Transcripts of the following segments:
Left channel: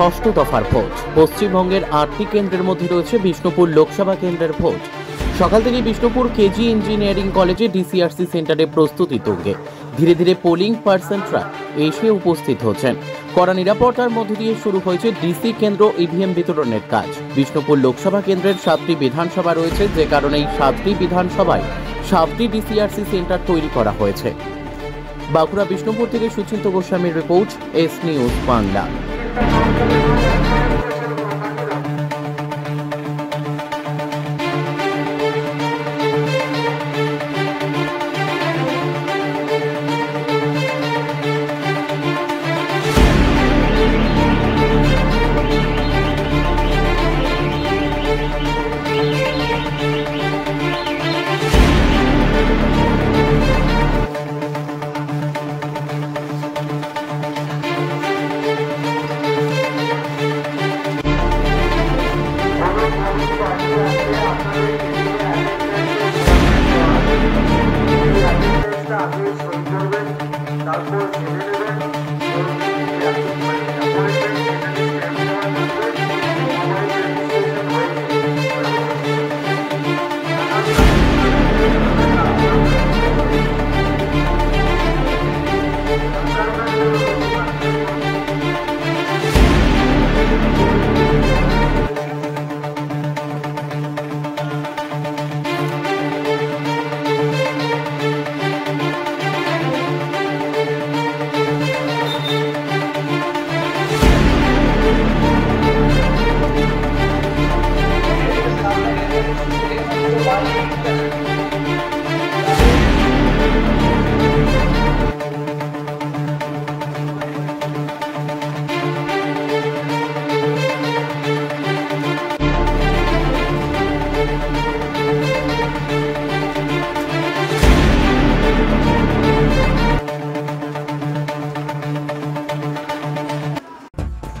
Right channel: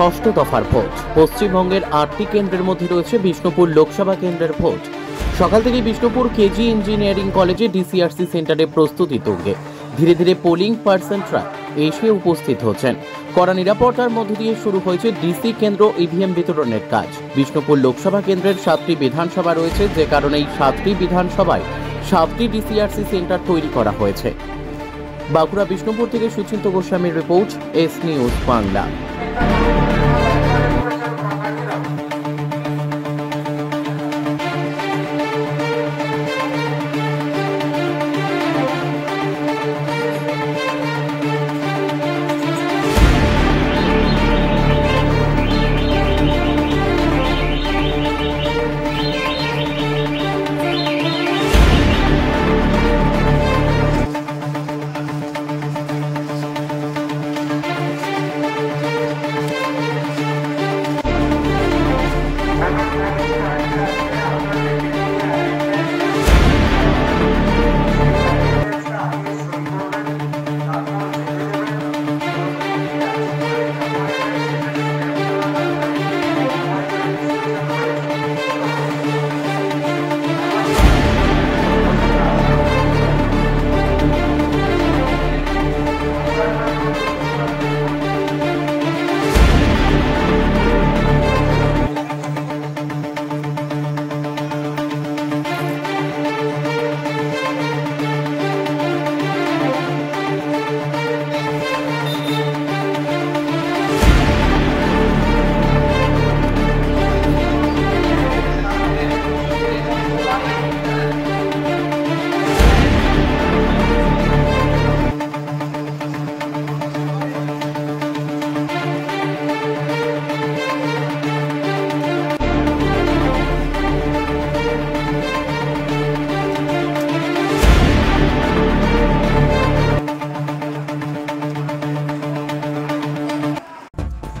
ষষ্ঠ দফার ভোট। পশ্চিমবঙ্গের 8টি কেন্দ্রের মধ্যে রয়েছে বিষ্ণুপুর লোকসভা কেন্দ্রের ভোট। সকাল থেকে বিষ্ণুপুর কেজি ইঞ্জিনিয়ারিং কলেজে ডিসিআরসি সেন্টারে প্রস্তুতি তুঙ্গে। ধীরে ধীরে পোলিং পার্সনরা এসে উপস্থিত হচ্ছেন। কড়া নিরাপত্তার মধ্য দিয়ে শুরু হয়েছে ডিসি কেন্দ্র ইভিএম বিতরণের কাজ। বিষ্ণুপুর লোকসভা কেন্দ্রের 7টি বিধানসভা রয়েছে, যে কারণে এই 7টি বিধানসভায় 7টি ডিসিআরসি সেন্টার তৈরি করা হয়েছে। বাঁকুড়া বিষ্ণুপুর থেকে সুচিন্ত গোস্বামীর রিপোর্ট, এস নিউজ বাংলা।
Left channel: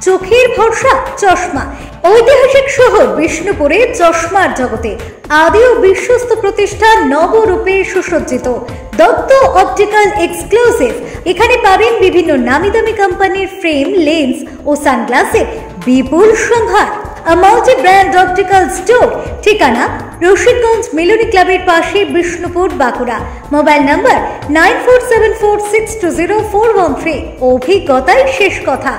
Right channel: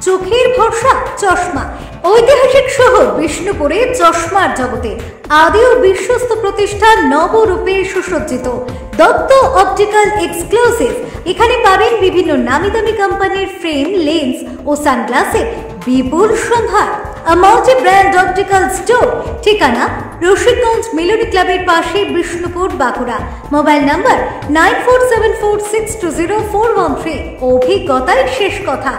চোখের ভরসা চশমা। ঐতিহাসিক শহর বিষ্ণুপুরে চশমার জগতে আদি ও বিশ্বস্ত প্রতিষ্ঠান নবরূপে সুসজ্জিত দত্ত অপটিক্যাল এক্সক্লুসিভ। এখানে পাবেন বিভিন্ন নামি দামি কোম্পানির ফ্রেম, লেন্স ও সানগ্লাসের বিপুল সম্ভার। Multi brand optical store. ঠিকানা রশিদগঞ্জ মিলনী ক্লাবের পাশে, বিষ্ণুপুর, বাঁকুড়া। Mobile number 9474620413। অভিজ্ঞতাই শেষ কথা।